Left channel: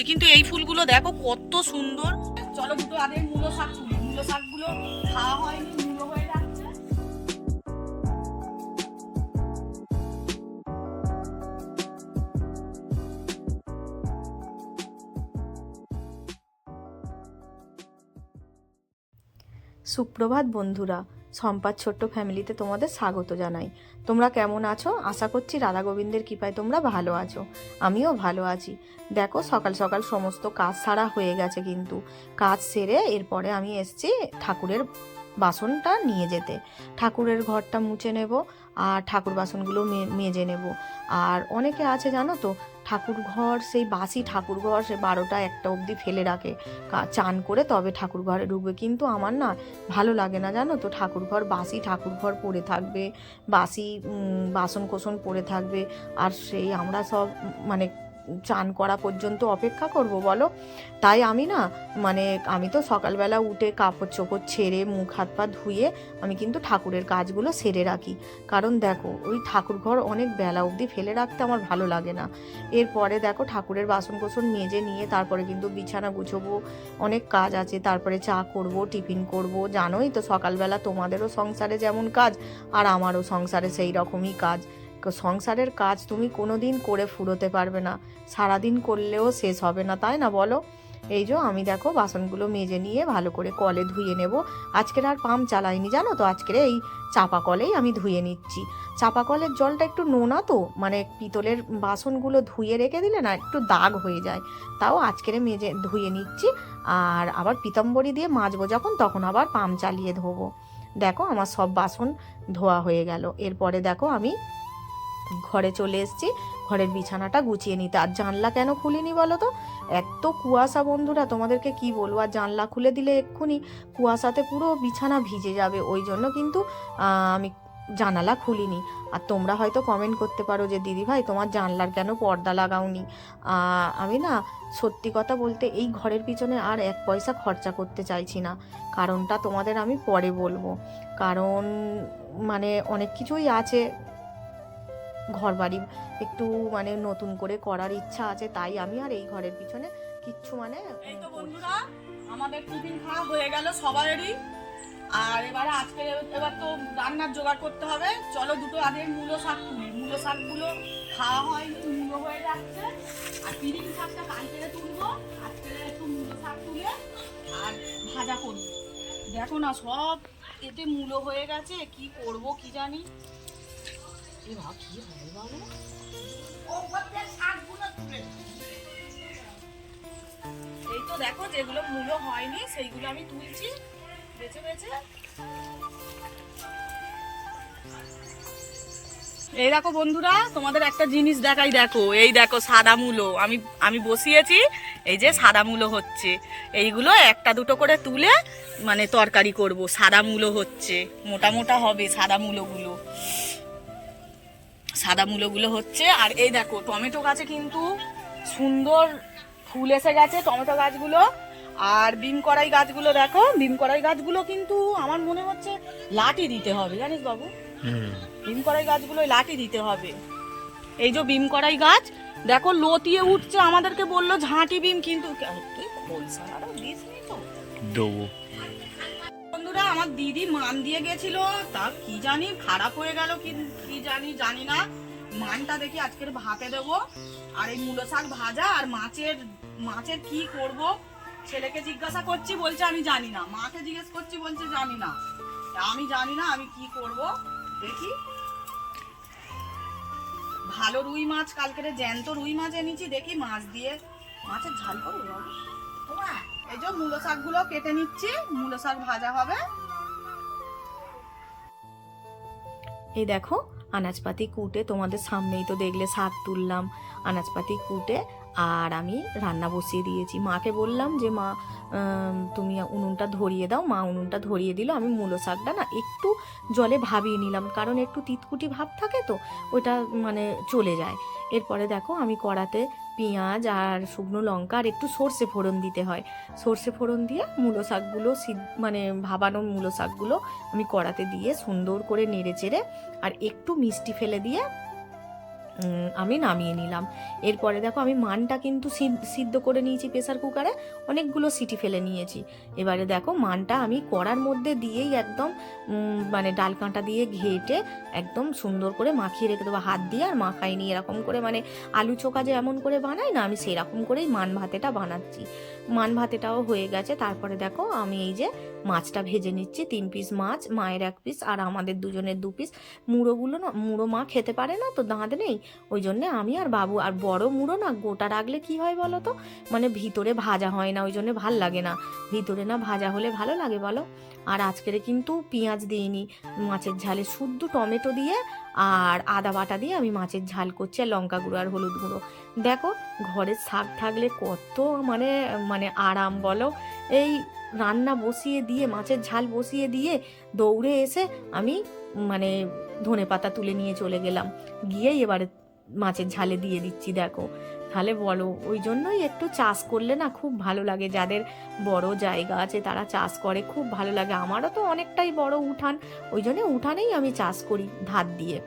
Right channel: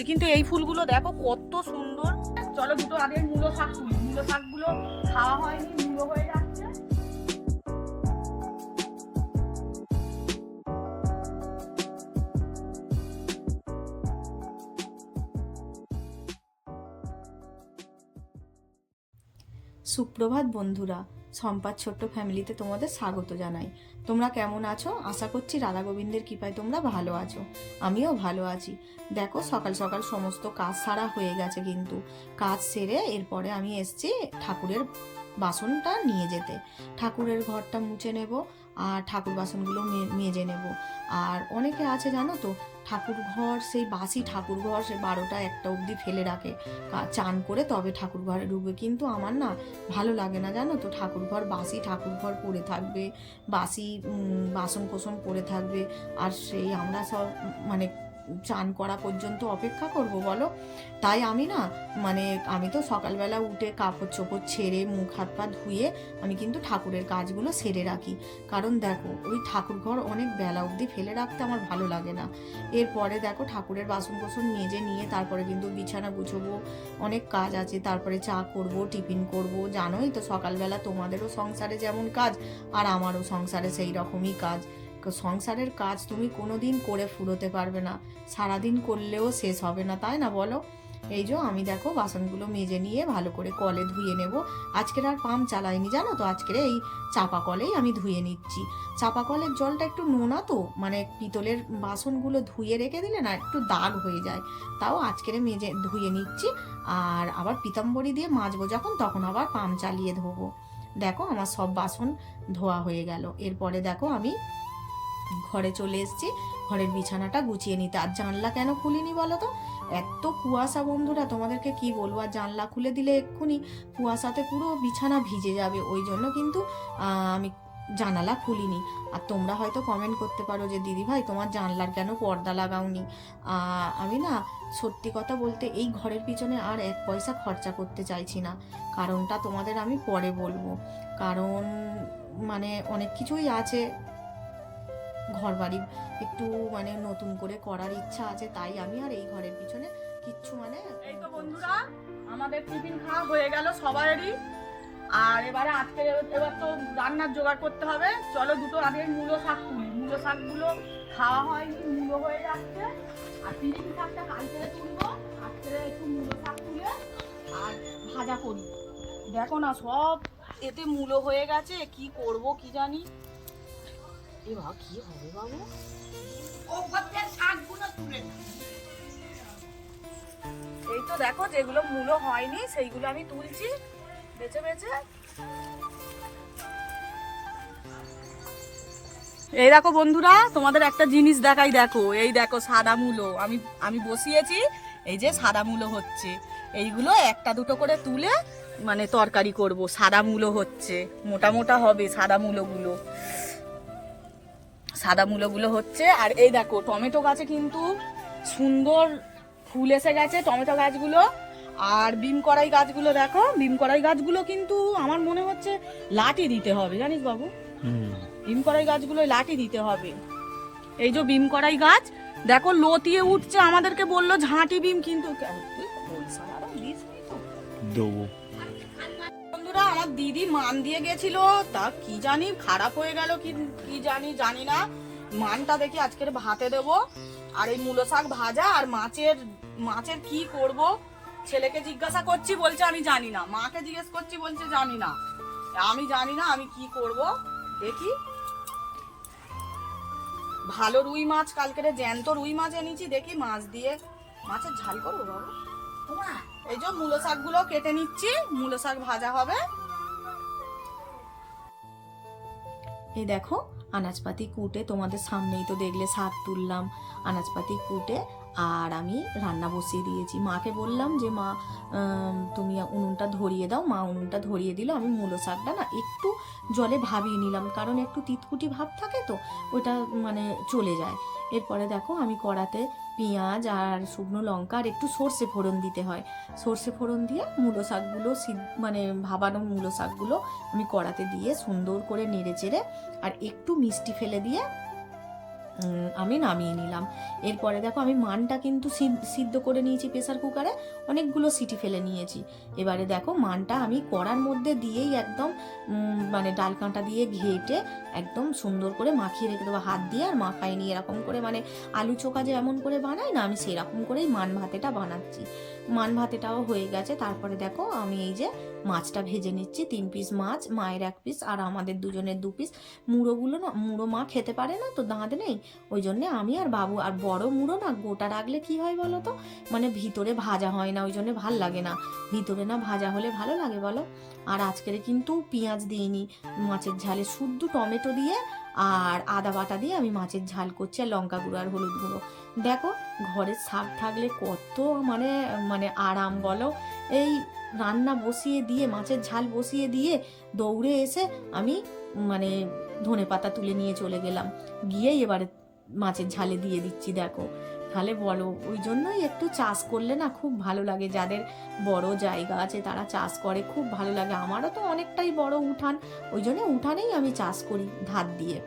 হচ্ছে। কিন্তু এই ফুলগুলো দেখো কত সুন্দর। চলো দুটো আগে মূলো শাক তুলি। মূলো শাকগুলো খাওয়া হয়নি, মূলো হয়ে যাচ্ছে। সুপ্রভাত বন্ধুরা সম্পাদ ছোট্ট ফ্যামিলিতে তোমাদের স্বাগত জানাই। তোমরা কেমন আছো? আশা করছি রাধা গোবিন্দের কৃপায় তোমরা ভালো আছো। আমিও ভালো আছি। দেখো সকাল সকাল সমস্ত কাজ সারা হয়ে গেছে কিন্তু। কাজ সেরে এরপরে আমি এসছি ঠাকুরের বাসনটা নিয়ে যেতে। ঠাকুরের ঘরটা মুছে নেব আর ঠাকুর বাসনগুলো মেজে নেব। আর অনেকে আছে জানো তো, ঠাকুর ঘর সেই বাসি ঠাকুর ঘর সে বারোটা একটা অবধি ফেলে রাখে। চান করে তবে ঠাকুর ঘরে ঢুকবে। কিন্তু আমার না ভালো লাগে না জানো তো, ঠাকুর ঘর বাসি ঠাকুর ঘর পড়ে থাকবে, বাসি বাসন কোসন পড়ে থাকবে। আর সেই আমরা সব মানে চান করা পর্যন্ত অপেক্ষা করব, বলো? তাই আমি না মানে আমি তো সকালবেলা উঠে কাপড় চোপড় ছেড়ে মুখ হাত পা ধুয়ে আমি কিন্তু ঠাকুরের কাজগুলো সেরে রাখি। কারণ দেখো, ওই ঠাকুর ঘর অনেক বেলা অবধি ফেলে রাখতে আমার ভালো লাগে না। এরপরে দেখো ঠাকুরের বাসন কোসন মেজে নিয়ে তারপরে কিন্তু বিছানা গুছবো, অনেক কাজ আছে, তারপরে চা করব, টিফিন করব। জানোই তো সকালবেলা তোমাদেরও সংসারে যেমন কাজ, আর আমারও সংসারে সেই রকমই কাজ। সংসারের কাজ তুমি কোনোদিন করে ফুরোতে পারবে না। সারাদিন করলেও শেষ হবে না, তাই না বলো? এই যে আমি দেখো বাসনগুলো মেজে নিয়ে ভালো করে কলে ধুয়ে নেব। আজকের আর পাম্প চালাইনি, জানো তো? আজকের এই চাপা কলেই আমি ধুয়ে নিচ্ছি। চাপা কলের জলটা একটু নোনা তো মানে পিতলের বাসনগুলো ধুয়ে রেখে দিলে না একটু দাগ হয়ে যায়। তাও আজকের মেজে, ধুয়ে নিচ্ছি। আর আবার পিতাম্বরী দিয়ে মাজবো যখন, তখন আবার পাম্প চালিয়ে ধোবো। দেখো আমার সব বাসন ধোয়া হয়ে গেল। এরপরে দেখো আমি ঘরে চলে এসেছি। ঘরের বিছানাটা গুছিয়ে নিতে। আর জানলা কেন খুলিনি বলো তো এত কুয়াশা বন্ধুরা, তোমাদেরকে কি বলব? আর জানলা খুলে দিলে এক্ষুনি কুয়াশাতে পুরো বিছানা ভিজে যাবে। ওই জন্য কিন্তু আমি জানালা খুলিনি। আর তোমরা হয়তো কমেন্ট করতে পারো যে দিদি ভাই তোমার জানলার কেন পর্দা লাগাওনি? আমি না, সত্যি কথা বলতে এই ঘরের পিছনে আর এক পয়সা খরচা করতে চাইছি না। কারণটা তোমাদের আমি পরে বলব। কারণ মানে অনেক কিছুই আছে ঘর বাড়ি একটু মানে নতুন করে করার ইচ্ছা আছে, তাই আমি আর এই ঘরের পিছনে কিচ্ছু মানে এই তো বন্ধুরা, আমাদের টিফিন খাওয়া হয়ে গেল সবারই। আর এবারে আজকে এবার তো রান্নার জোগাড় করতে হবে। চলো দুটো আগে মূলো শাক তুলি। মূলো শাকগুলো খাওয়া হয়নি মূলো হয়ে যাচ্ছে। আর পিরিং শাকটা কালকে তুলবো। আজকে একটু মূলো শাক তুলে আর ভাজা করব। দেখো না, সব এতে মূলো হয়ে গেছে। কি করব, কি জানি? এ বাবা কি হবে বাবু? এই তো দেখো, যেগুলো মূলো হয়নি, সেইগুলো আমি তুলছি। বেছে বেছে। এই দেখো বন্ধুরা, তোমাদের একটা জিনিস দেখাই, দেখো। এই দেখো সাদা মূলো। আমি আমি বসিয়েছি, এই যে সাদা মূলো হচ্ছে। এইগুলো একটা দুটো করে তুলে মানে তরকারি করব। সাদা মূলো হচ্ছে। মোটা মোটা হবে সাদা মূলোগুলো। সাদা মূলোগুলো হচ্ছে আর এই দেখো টমেটো গাছে কিন্তু সুন্দর ফুল এসে গেছে টমেটো গাছগুলো। আর বিম কড়াই গাছগুলো দেখো বিম কড়াই গাছগুলো কিন্তু আমার মনে হচ্ছে লাঠি দিতে হবে জানিস বাবু? বিম কড়াই গাছগুলো লাঠি দিতে হবে। এই যে বিম কড়াই গাছ দেখো লতিয়ে উঠছে আমাদেরকে বলল ঝাঁটি বিম কিন্তু? দেবো। বন্ধুরা, আমার দিদি মান দিয়ে গেছিল। তা কি জানি খারাপ হয়ে গেল কি কি জানি জানি না। মানটা দেখি আজকের ভাতে দেব। আর এই মূলো শাক ভাজা আর মাছের মাছের কি করব? ছেলেকে জিজ্ঞাসা করছি বলছে আমি জানি না। মাকে জিজ্ঞেস করছি বলছে জানি না। আমি জানি না, আমি কি করব? দেখি। ভালো রুই মাছ কালকে জ্যান্ত রুই মাছ এনেছি। দেখি মাছ দিয়ে মাছের ঝাল করব বাবু। এই যে মূলো শাকগুলো কেটে নিচ্ছি, মূলো শাক ভাজা হবে। এই দেখো, আনাজপাতি কুটে তোমাদের সামনেই তো দেখলে শাক তুললাম। আনাজপাতি কুটে আর আমি রান্না বসিয়ে দিয়েছি। মাকে বললাম যে, মা তুমি উনুনটা ধরিয়ে দাও। মা উনুনটা ধরিয়ে দিল। আমি মূলো শাকটা না একটু জলে ভাবিয়ে নিলাম, কারণ একটু তিতকুটি ভাব থাকে তো, ওটা মানে চলে যায়। এরপরে দেখো, আমি কড়াতে পেঁয়াজ আর শুকনো লঙ্কা আর একটু সর্ষে ফোড়ন দিতে হয়। সর্ষে ফোড়ন দিয়ে মূলো শাকগুলো মানে ভাবানো মূলো শাকগুলো আমি কড়াতে দিয়ে সুন্দর করে নেড়ে চেড়ে আর একটু মিষ্টি ফেলে দিয়ে আমি নামিয়ে নিলাম। এরপরে দেখো আমি মানটা কিন্তু সিদ- সিদ্ধ করে নিয়েছি প্রেসার কুকারে, অনেকগুলো সিটি ফেলে নিয়েছি। এবারে দেখো মানটা আমি কড়ার মধ্যে দিয়েই একদম মানে ডাল কাঁটা দিয়ে ঘেটে একদম সুন্দর করে মাখিয়ে রেখে দেবো হাত দিয়ে আর মাখাই নিয়ে এরকম করে মানে আলু চোখা যে এমন করে বানাই না, আমি সেরকম করেই মান ভাতেটা বানাচ্ছি। মান ভাতেটাও হয়ে গেছে। তারপরে দেখো আমি এই যে মাছটা ভেজে নিচ্ছি, তিন পিস মাছ, মায়ের এক পিস আর আমাদের দুজনের দু পিস মুড়োগুলো না, মুড়ো মা খেতে পারে না তো দাঁত নেই, ওই জন্যে আমি আর বাবু আর বড় মুড়ো না গোটা রাখলে কি হয় বলো তো? মানে ভিতরে ভাজা হয় না ওই জন্য ভালো লাগে না। ভিতরে না ভাজা হলে ভালো লাগে বলো? আর আজকের কিন্তু পেঁয়াজ দিইনি, মাছের ঝালে শুদ্ধ টমেটো দিয়ে আর আদা বাটা দিয়ে আমি মাছের ঝাল করছি আর লঙ্কা গুঁড়ো আর হলুদ গুঁড়ো। দেখো, ঘরের শাক থাকলে কত মানে মানে আরাম বলো? এই রান্না বসিয়ে দিয়ে, মাছের ঝাল বসিয়ে দিয়ে দৌড়ে এসে আমি মানে ধনে পাতা তুলে নিয়ে চলে গেলাম। গিয়েই এবারে মাছের ঝালে দিয়ে দিচ্ছি, দেখো। তাহলে বলো, ওই জন্যই একটু চাষ করলে না খুব ভালো লাগে। যাদের বড় জায়গা আছে তারা চাষ করে, খুব ভালো লাগে। আমারও তো অনেকটাই বড় উঠান, ওই জন্য উঠানেই আমি চাষ করি ধার দিয়ে।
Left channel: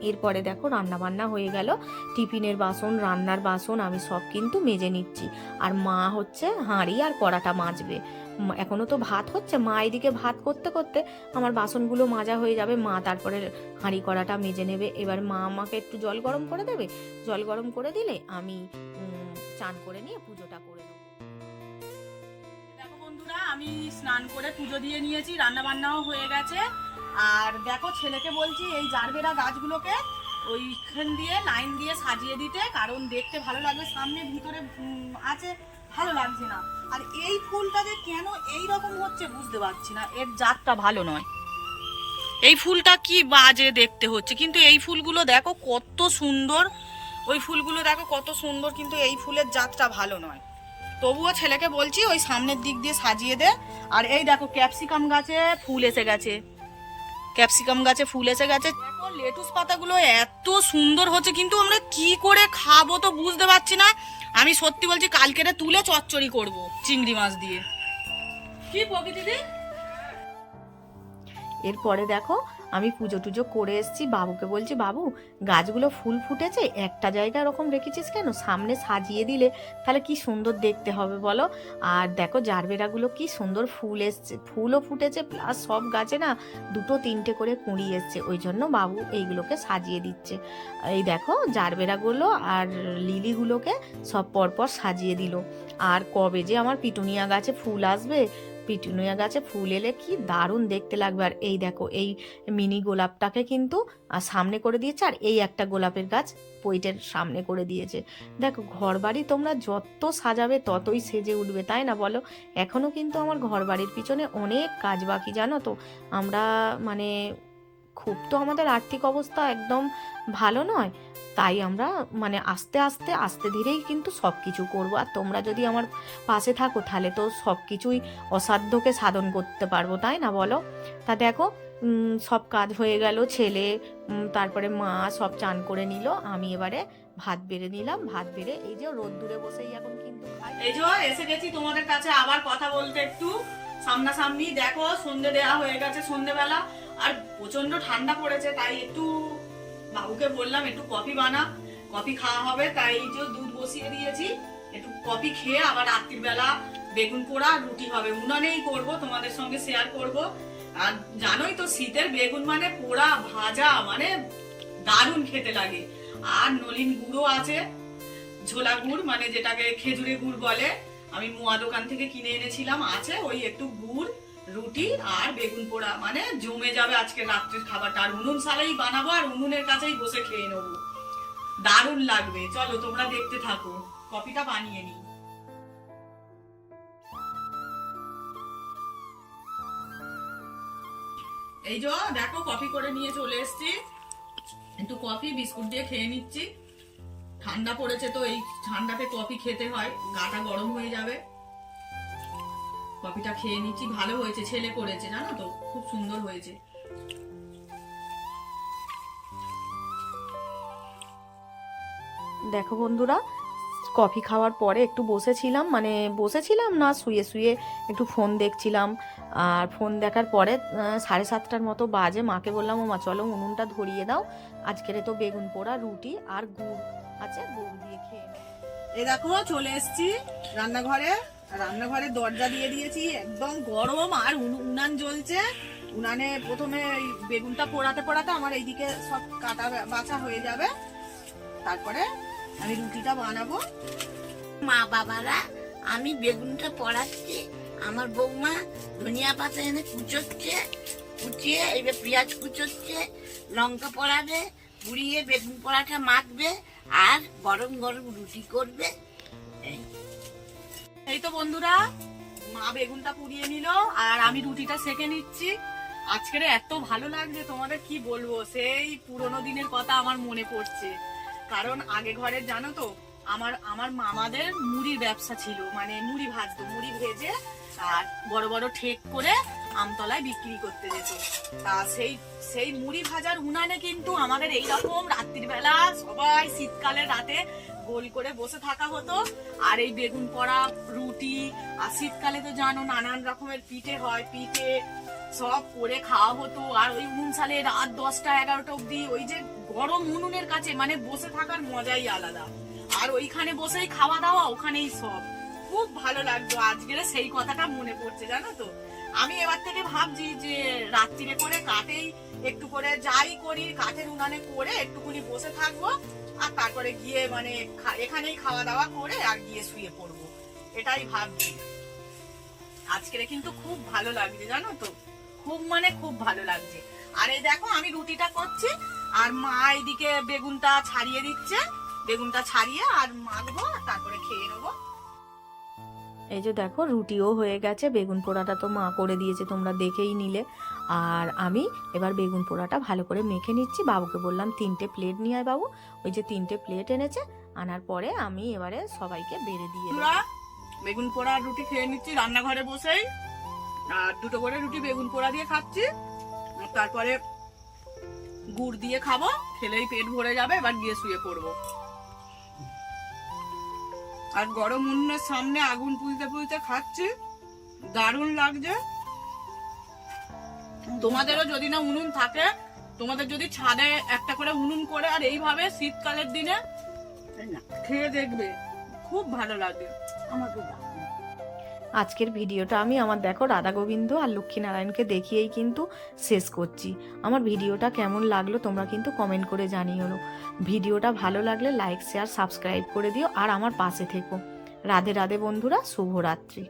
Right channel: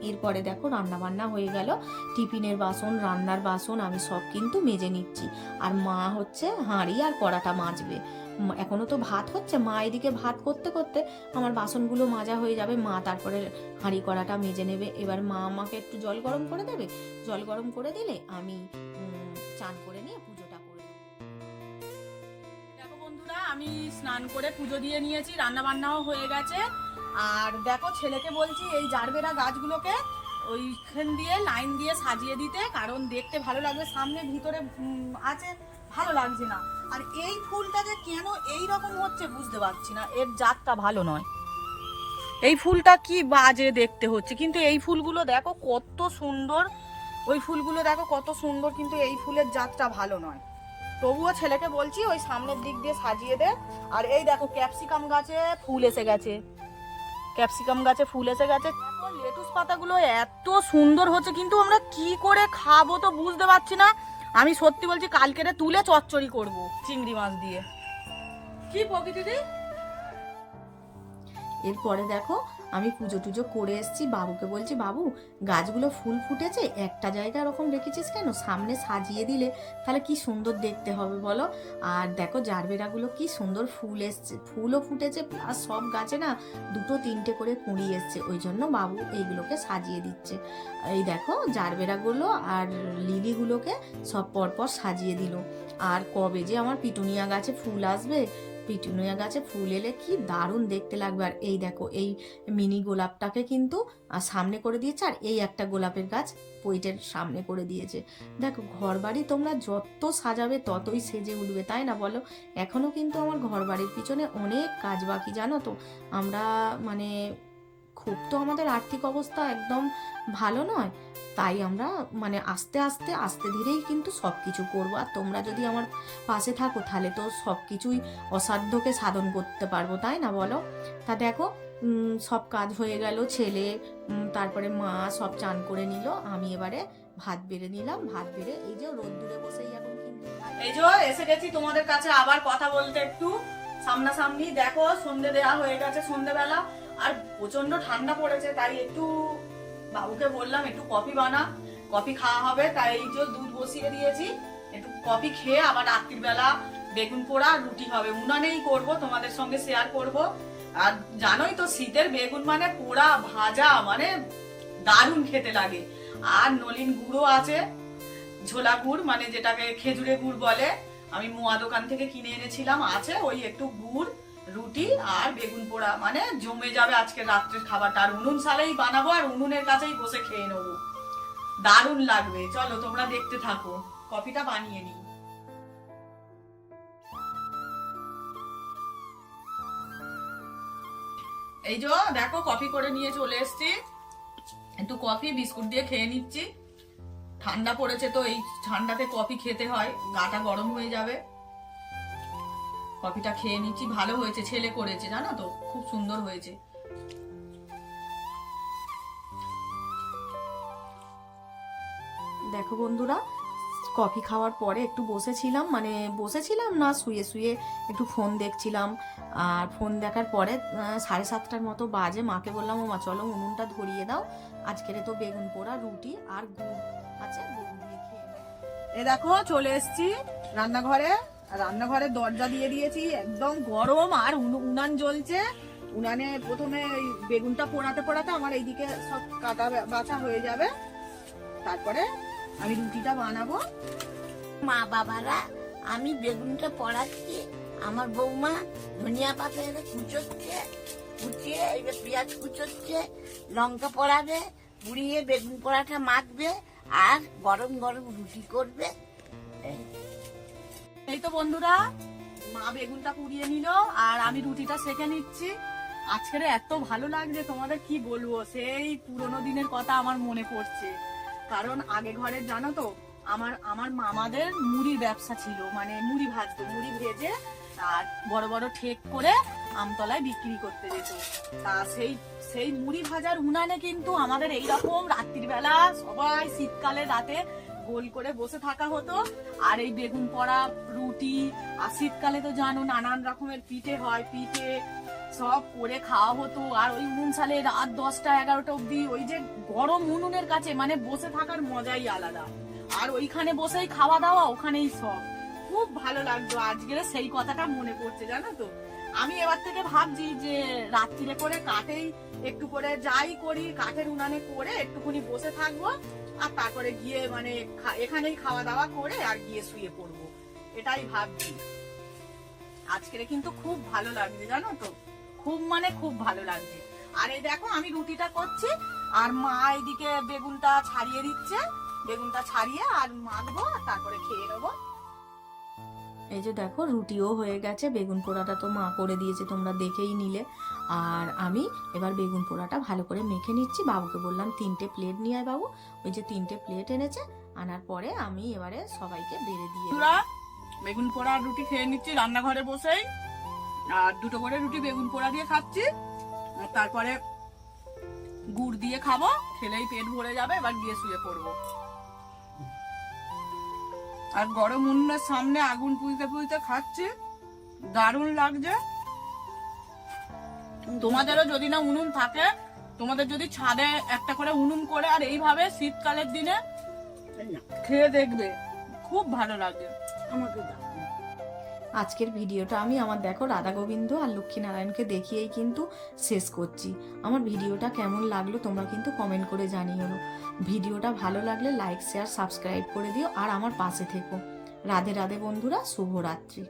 এরপরে দেখো রান্না বান্না হয়ে গেল। টিফিনের বাসন, রান্নার বাসন আমি সব কিন্তু মেজে নিচ্ছি। আর মা হচ্ছে হাঁড়ি আর কড়াটা মাজবে। এখনও তো ভাত হচ্ছে। মা এদিকে ভাত করতে করতে আমার বাসনগুলো মাজা হয়ে যাবে। মা তারপরে হাঁড়ি কড়াটা মেজে নেবে। এবার মা আমাকে একটু জল গরম করে দেবে। জল গরম করে দিলে আমি চান করে নিয়ে পুজোটা করে নেব দেখো বন্ধুরা, আমি স্নান করে পুজো দিয়ে নিয়েছি। রান্না বান্নাও হয়ে গেছে। আর দেখো ছেলেকে বলছি, এই জারবেরা গাছগুলোকে ওইখান দিয়ে লাইন দিয়ে সাজিয়ে দিতে। কারণ দেখতে ভালো লাগবে। সামনে ভিতরে আছে। ভালো লাগছে না। আর এই ফুলটা যে কেন এই রকম হচ্ছে বুঝতে পারছি না। এর জাতটা ভালো নয়। এই ফুলটা কি বাজে দেখতে হচ্ছে। কিন্তু এই ফুলগুলো দেখো কত সুন্দর। ওই ফুলগুলো দেখো কত সুন্দর, কিন্তু এই ফুলের জাতটা ভালো নয়। তবুও ছেলেকে বলছি, ওই সামনের দিক দিয়ে সাজিয়ে দে। আর এই দেখো ক্যাপসিকাম গাছে ফুল এসে গেছে। ক্যাপসিকাম গাছে ফুল এসে গেছে। লেটুস পাতাগুলো এত সুন্দর হচ্ছে, কিন্তু আমরা কি করে খাব তো বুঝতে পারছি না। আমি সত্যি বলছি কালকেরে তুলে চচ্চড়ি করব চিংড়ি মাছ দিয়ে। কি প্রকৃতি দি এরপরে দেখো আমি পুজো টুজো করে এসেছি, বাবুকে বলছি, বাবু, গাছগুলো ফুল ফুটেছে, একটা জায়গা ওরকম রেখেছিস কেন? সামনে সাজিয়ে দিলে তাহলে কি সুন্দর দেখতে হবে বলো? আর দেখো, জারবেরাগুলো কি সুন্দর ফুল এসছে, ফুলও ফুটেছে প্লাস সব গাছে না দুটো তিনটে করে কুঁড়ি এসছে, ওই জন্য বাবু এইগুলোকে সাজিয়ে দিচ্ছে। এই দেখো, জারবেরাগুলো আর লিলিগুলোকে সব পরপর সাজিয়ে দিল। আর কবে যে আমার পিটুনিয়া গাছে ফুল আসবে পিটুনিয়া গাছে ফুল এলে কি দারুণ দেখতে লাগবে। আর এই দেখো, এই মিনি গোলাপটাকে কিন্তু সামনে করে দিয়েছে আর এই একটা গোলাপের গাছ পইটের সামনে করে দিয়েছে। দেখো ঘর বাড়ি তোমরা যত সাজাবে ততই সেজে উঠবে, তাই না বলো? এখনও কিন্তু আমার ঘর বাড়ির পিছনে অনেক কাজ বাকি, জানো তো? আমরা মানে খুব তো আমাদের আর্থিক অবস্থা একদম ভালো নয়। তাই আমরা মানে আস্তে আস্তে আস্তে ধীরেই কিন্তু সব কিছু করব। আর তোমরা যদি আমার পাশে থাকো, তাহলে তো সব কিছুই অসাধ্যকে সাধন করতে পারব, তাই না বলো? তা দেখো সব কাজ হয়ে গেল, ছেলে তারপরে মা সব চান করে নিল। আমি এবারে ভাত বেড়ে নিলাম, ভাত বেড়ে এই যে রোদ্দুরে বসেই এখন কিন্তু এই যে এসে গেছি তোমাদের কাছে আবার কথা বলতে একটু। সামনাসামনি দেখো, সন্ধে দেয়া হয়ে গেছে সন্ধেবেলা। আর প্রচণ্ড ঠান্ডা পড়েছে, তাই একটু বাবুকে বললাম, একটু কফি বানা। কফি খাওয়া হবে, তাই এই যে দুধ বসিয়ে দিয়েছি। একটু কফি খেয়ে আবার রাত্রির বেলা বেগুন পোড়া রুটি হবে। উনানেই করব, তোমাদের সঙ্গে শেয়ার করব। আর জানোই তো, শীতের বেগুন মানে পোড়া, ভাজা মানে দারুণ খেতে লাগে। আর নলিন গুঁড়ো আছে, ঝোলা গুড় মানে যেটাকে খেজুরে গুড় বলে। আমি মোয়া দোকান থেকে কিনে এনেছিলাম, আছে ওই একটু গুড়। রুটি আর বেগুন পোড়া। মানে জমে যাবে আজকে রাত্রের খাবারটা। আর উনুন সালেই বানাবো, আর উনুনের কাছেই বসে খেয়ে নেব। দারুণ লাগবে। চলো, তোমরা দেখতে থাকো। কফিটা বানিয়ে নিই। এই যে, দেখো, কফি করে নিয়ে চলে এসেছি। একটু কফি, বিস্কুট দিয়ে খেয়ে নিচ্ছি। ঠান্ডা পড়েছে তো, এই ঠান্ডাতে কফি খেতে হয়। গাটা গরম হয়ে যাবে। কফিটা খেয়ে নিচ্ছি ভালো হয়েছে ছেলে করেছে জানো তো? খুব সুন্দর হয়েছে। দেখো বন্ধুরা কফি খাওয়ার পরে একটু বসেছিলাম মানে বসেছিলাম না শুয়ে শুয়ে একটু ফোন দেখছিলাম। আর ফোন দেখার পরে সাড়ে সাতটার মতো বাজে মাকে বললাম ও মা চলো উনুনটা ধরিয়ে দাও। আজকের তো বেগুন পোড়া রুটি আর গুড় আছে গুড় দিয়ে খেয়ে এ দেখো চলে এসেছি রান্নাঘরে। আর রান্নাঘরের দরজা দিয়ে দিয়েছি, একদম গরম আর উনু- উনান জ্বলছে। উনানে প্রথমে এই বেগুনটা পোড়াতে পোড়াতে আমার এইদিকে সব কাটা বাছা হয়ে যাবে। তারপরে আমি রুটিটা বানাবো। মা বাবারা, আমি বেগুনটা পড়াচ্ছি। আমার বৌমা ধনিয়া পাতা এনে কুচোচ্ছে, কুচিয়ে এবার পেঁয়াজ কুচোচ্ছে, লঙ্কা পড়াবে, পুড়িয়ে বেগুন পোড়াটা মাখবে, আর গরম গরম রুটি করবে। এই। এই তো বন্ধুরা, মা বেগুনটা পুড়িয়ে নিল আর আমি রুটিটা সেকে নিচ্ছি। আজকের এত ভালো লাগছে, তোমাদের কি বলব? সেই পুরোনো দিনের কথা আমার মনে পড়ছে। কারণ আগে ঘরের জানো তো, আমার আমার মামাদের মুড়ির ব্যবসা ছিল। মানে মুড়ি ভাজতো, মুড়ি ভেজে আর বড় বড় ঠেক করে আমতলায় বিক্রি করতে যেত। তা সেই সেই মুড়ি ভাজার উনানে কিন্তু আমাদের এইরকম রাত্রির বেলা সবাই শীতকালে রাতে গোল করে বসে থাকা হতো। আর এই বেগুন পোড়া, রুটি, আর শীতকালে তো জানো নানান রকমের পিঠে হয়, পিঠে সব করে খাওয়া হতো। আর ওই উনুন সালে রাত দশটা, এগারোটা অব্দি ওই যে গরম উনুনের কাছে মানে বসে থাকার মজাই আলাদা। আর ওইখানে বসেই খাওয়া দাওয়া, ওখানেই সব। খুব ভালো লাগতো। আজকের সেই কথাটা মনে পড়ছে, জানো তো? আমি এবার থেকে ভাবছি যে রাত্রিরে করে কাঠেই একটু করে যাই করি, কাঠের উনানে করে একটুখানি বসে থাকব। আর তারপরে গিয়ে মানে এখানেই খাওয়া দাওয়া করে আর গিয়ে শুয়ে পড়ব। এটাই ভাবছি। আজকের কিন্তু খুব ভালো লাগছে, জানো তো? খুব মানে খুব ভালো লাগছে। আর এই দেখো, আমি রুটিটা করছি, আর মা এদিকে বেগুনটা ছাড়িয়ে দিচ্ছে। বেগুনটা ছাড়িয়ে আর মাখবো তারপরে খেয়ে নেব। এই যে দেখো, রুটিও হয়ে গেছে। বেগুন পোড়াটা তো মা করে দিয়েছে, তোমরা দেখেই নিলে। আর আমি এবার বেগুন পোড়াটা ভালো করে মেখে নিচ্ছি। বাবুকে বললাম, তিনটে প্লেট নিয়ে আয় বাবু। ওই যে তিনটে প্লেট এনেছে, আনার পরে আমি এবারে সবাইকে বেড়ে দিয়ে। বেগুন পোড়া রুটি খেয়ে নিচ্ছি রান্নাঘরে বসেই। আর দুটো করে রুটি বেগুন পোড়া দিয়ে খাচ্ছি। তারপরে গুড় দিয়ে খাব, খেলেই পেট ভরে যাবে, এবার গিয়ে শুয়ে পড়ব। আর গরম উনুনের সামনে আগুন পুলতে পুলতে খাচ্ছি। দারুণ লাগছে। তোমাদেরও যদি না উনুন থাকে তোমাদের যদি ছাদে একটা করে উনুন করে আর এইভাবে শীতকালের দিনে খেয়ে দেখবে খুব ভালো লাগে। আমাকে আজকের ভিডিওটা আমি আমার দেখো রাধা গোবিন্দ আর লক্ষ্মীনারায়ণকে দেখিয়েই কিন্তু শেষ করছি। আমার ভিডিওটা কেমন লাগল তোমরা কিন্তু কমেন্ট করে জানিও। ভিডিওটা ভালো লাগলে লাইক শেয়ার সাবস্ক্রাইব করে দিও আর আমার পাশে থেকো। রাধে রাধে বন্ধুরা শুভরাত্রি।